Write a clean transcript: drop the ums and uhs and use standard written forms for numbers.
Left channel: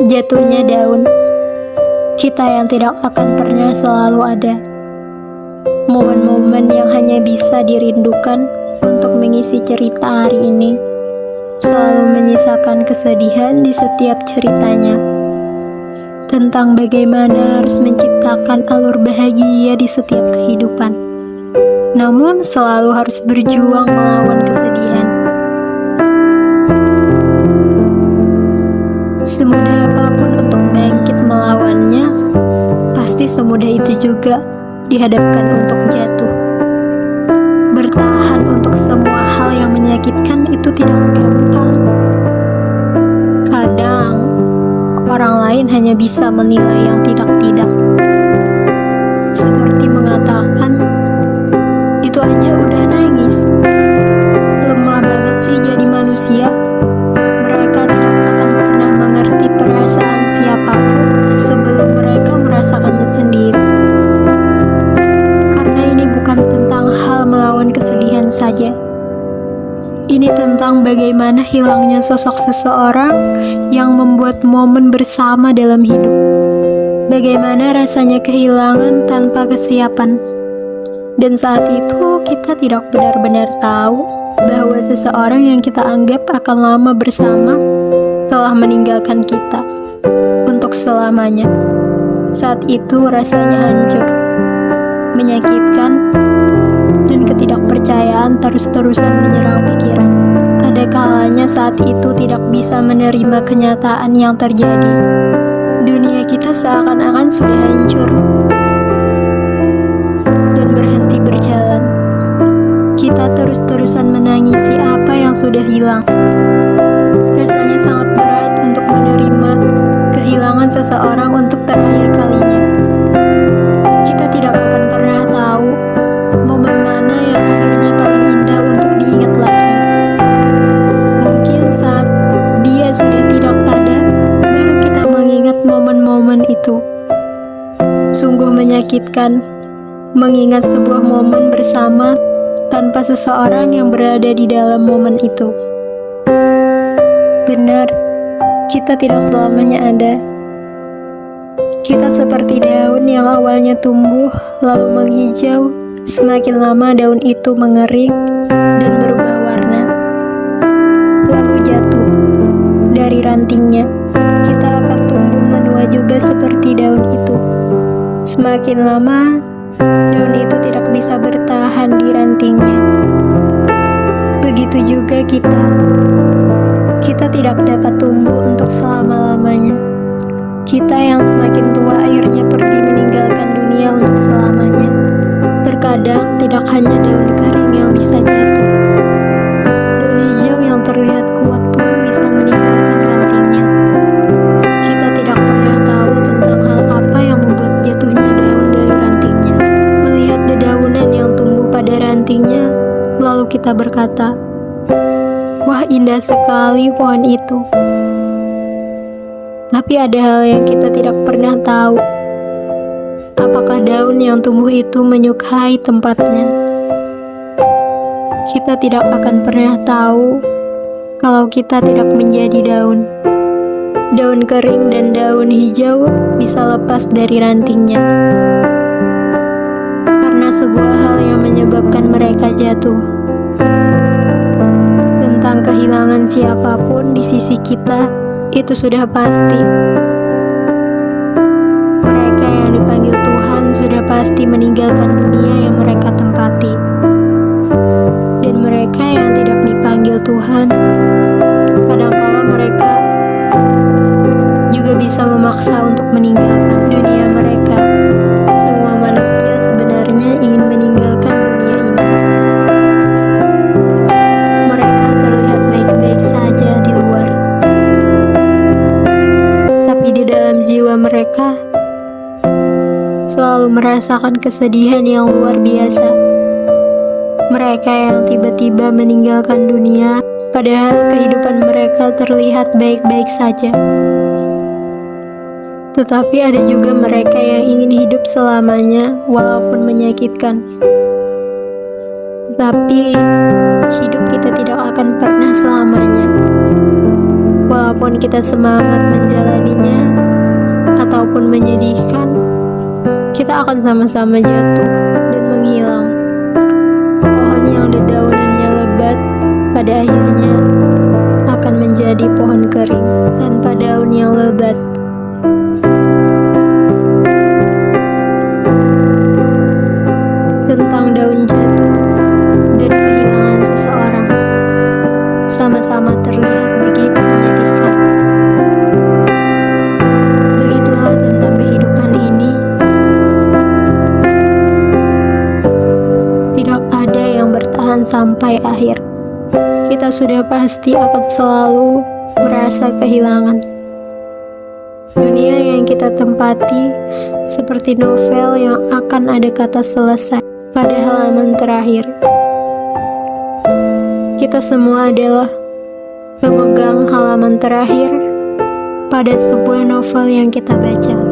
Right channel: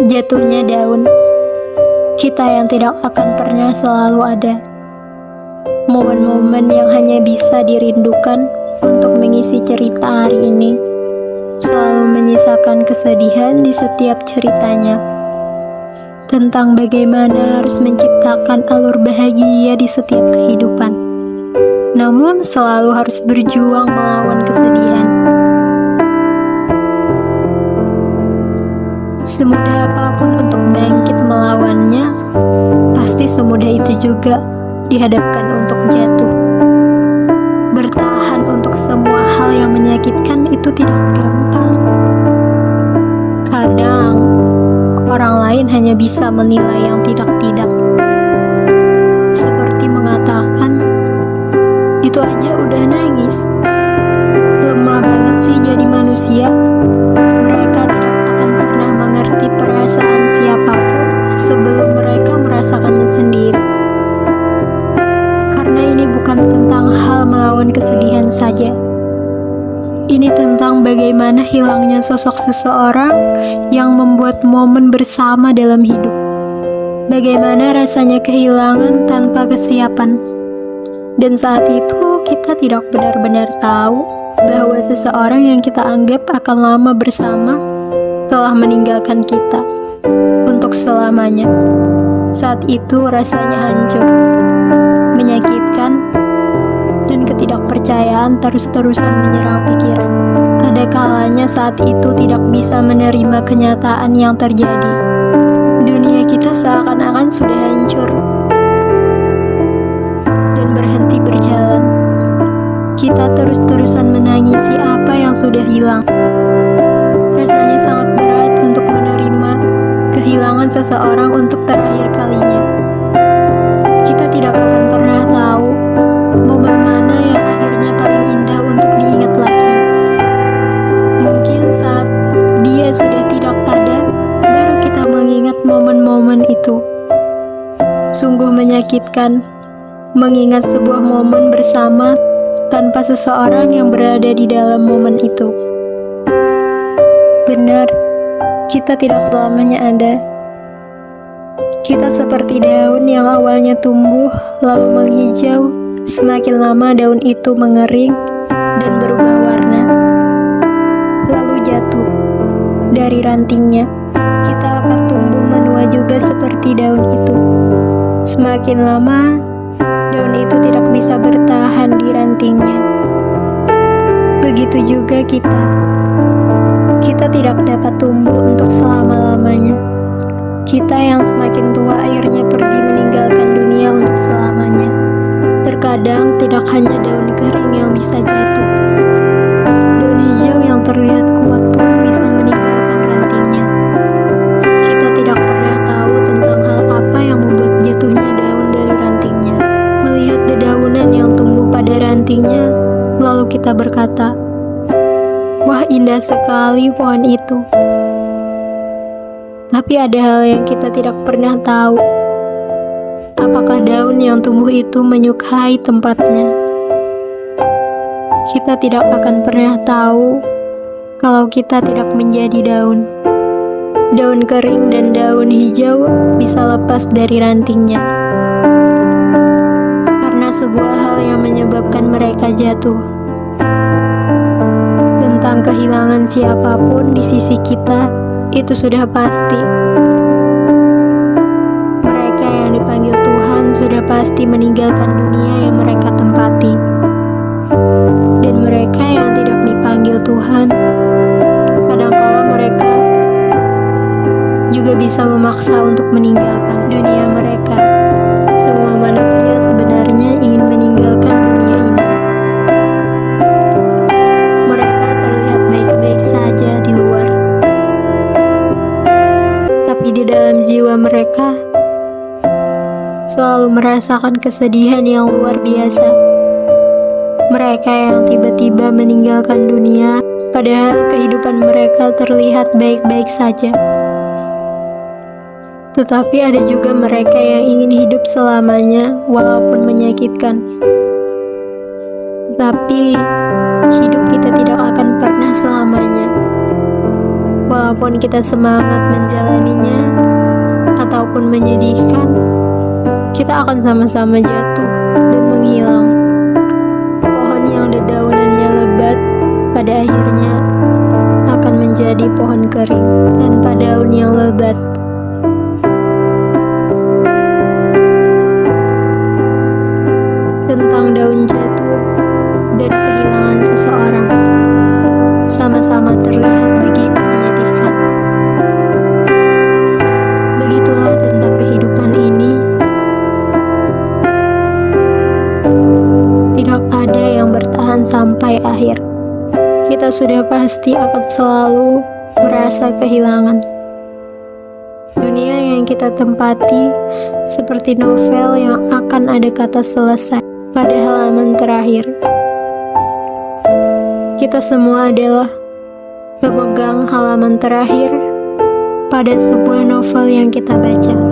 Jatuhnya daun, kita yang tidak akan pernah selalu ada. Momen-momen yang hanya bisa dirindukan untuk mengisi cerita hari ini, selalu menyisakan kesedihan di setiap ceritanya. Tentang bagaimana harus menciptakan alur bahagia di setiap kehidupan. Namun selalu harus berjuang melawan kesedihan. Semudah apapun untuk bangkit melawannya, pasti semudah itu juga dihadapkan untuk jatuh. Bertahan untuk semua hal yang menyakitkan itu tidak gampang. Kadang, orang lain hanya bisa menilai yang tidak-tidak. Seperti mengatakan, itu aja udah nangis. Lemah banget sih jadi manusia. Mereka tidak akan pernah mengerti perasaan siapapun sebelum mereka merasakannya sendiri. Karena ini bukan tentang hal melawan kesedihan saja. Ini tentang bagaimana hilangnya sosok seseorang yang membuat momen bersama dalam hidup. Bagaimana rasanya kehilangan tanpa kesiapan. Dan saat itu kita tidak benar-benar tahu bahwa seseorang yang kita anggap akan lama bersama telah meninggalkan kita untuk selamanya. Saat itu rasanya hancur, menyakitkan, dan ketidakpercayaan terus-terusan menyerang pikiran. Ada kalanya saat itu tidak bisa menerima kenyataan yang terjadi. Dunia kita seakan-akan sudah hancur dan berhenti berjalan. Kita terus-terusan menangisi apa yang sudah hilang. Rasanya sangat berat untuk menerima kehilangan seseorang untuk terakhir kalinya. Kita tidak akan pernah tahu momen mana yang akhirnya paling indah untuk diingat lagi. Mungkin saat dia sudah tidak ada, baru kita mengingat momen-momen itu. Sungguh menyakitkan mengingat sebuah momen bersama tanpa seseorang yang berada di dalam momen itu. Benar, kita tidak selamanya ada. Kita seperti daun yang awalnya tumbuh lalu menghijau. Semakin lama daun itu mengering dan berubah warna, lalu jatuh dari rantingnya. Kita akan tumbuh menua juga seperti daun itu. Semakin lama, daun itu tidak bisa bertahan di rantingnya. Begitu juga kita. Kita tidak dapat tumbuh untuk selama-lamanya. Kita yang semakin tua akhirnya pergi meninggalkan dunia untuk selamanya. Terkadang tidak hanya daun kering yang bisa jatuh. Daun hijau yang terlihat kuat pun bisa meninggalkan rantingnya. Kita tidak pernah tahu tentang hal apa yang membuat jatuhnya daun dari rantingnya. Melihat dedaunan yang tumbuh pada rantingnya, lalu kita berkata, "Wah, indah sekali pohon itu." Tapi ada hal yang kita tidak pernah tahu. Apakah daun yang tumbuh itu menyukai tempatnya? Kita tidak akan pernah tahu kalau kita tidak menjadi daun. Daun kering dan daun hijau bisa lepas dari rantingnya karena sebuah hal yang menyebabkan mereka jatuh. Tentang kehilangan siapapun di sisi kita, itu sudah pasti. Mereka yang dipanggil Tuhan sudah pasti meninggalkan dunia yang mereka tempati. Dan mereka yang tidak dipanggil Tuhan, kadangkala mereka juga bisa memaksa untuk meninggalkan dunia mereka. Semua manusia sebenarnya ingin meninggalkan dunia ini. Mereka terlihat baik-baik saja di luar, tapi di dalam jiwa mereka selalu merasakan kesedihan yang luar biasa. Mereka yang tiba-tiba meninggalkan dunia, padahal kehidupan mereka terlihat baik-baik saja. Tetapi ada juga mereka yang ingin hidup selamanya, walaupun menyakitkan. Tetapi hidup kita tidak akan pernah selamanya. Walaupun kita semangat menjalaninya ataupun menyedihkan, kita akan sama-sama jatuh dan menghilang. Pohon yang dedaunannya lebat pada akhirnya akan menjadi pohon kering tanpa daun yang lebat. Tentang daun jatuh dan kehilangan seseorang, sama-sama terlihat begitu menyedihkan. Begitulah tentang kehidupan ini. Tidak ada yang bertahan sampai akhir. Kita sudah pasti akan selalu merasa kehilangan. Dunia yang kita tempati seperti novel yang akan ada kata selesai pada halaman terakhir. Kita semua adalah pemegang halaman terakhir pada sebuah novel yang kita baca.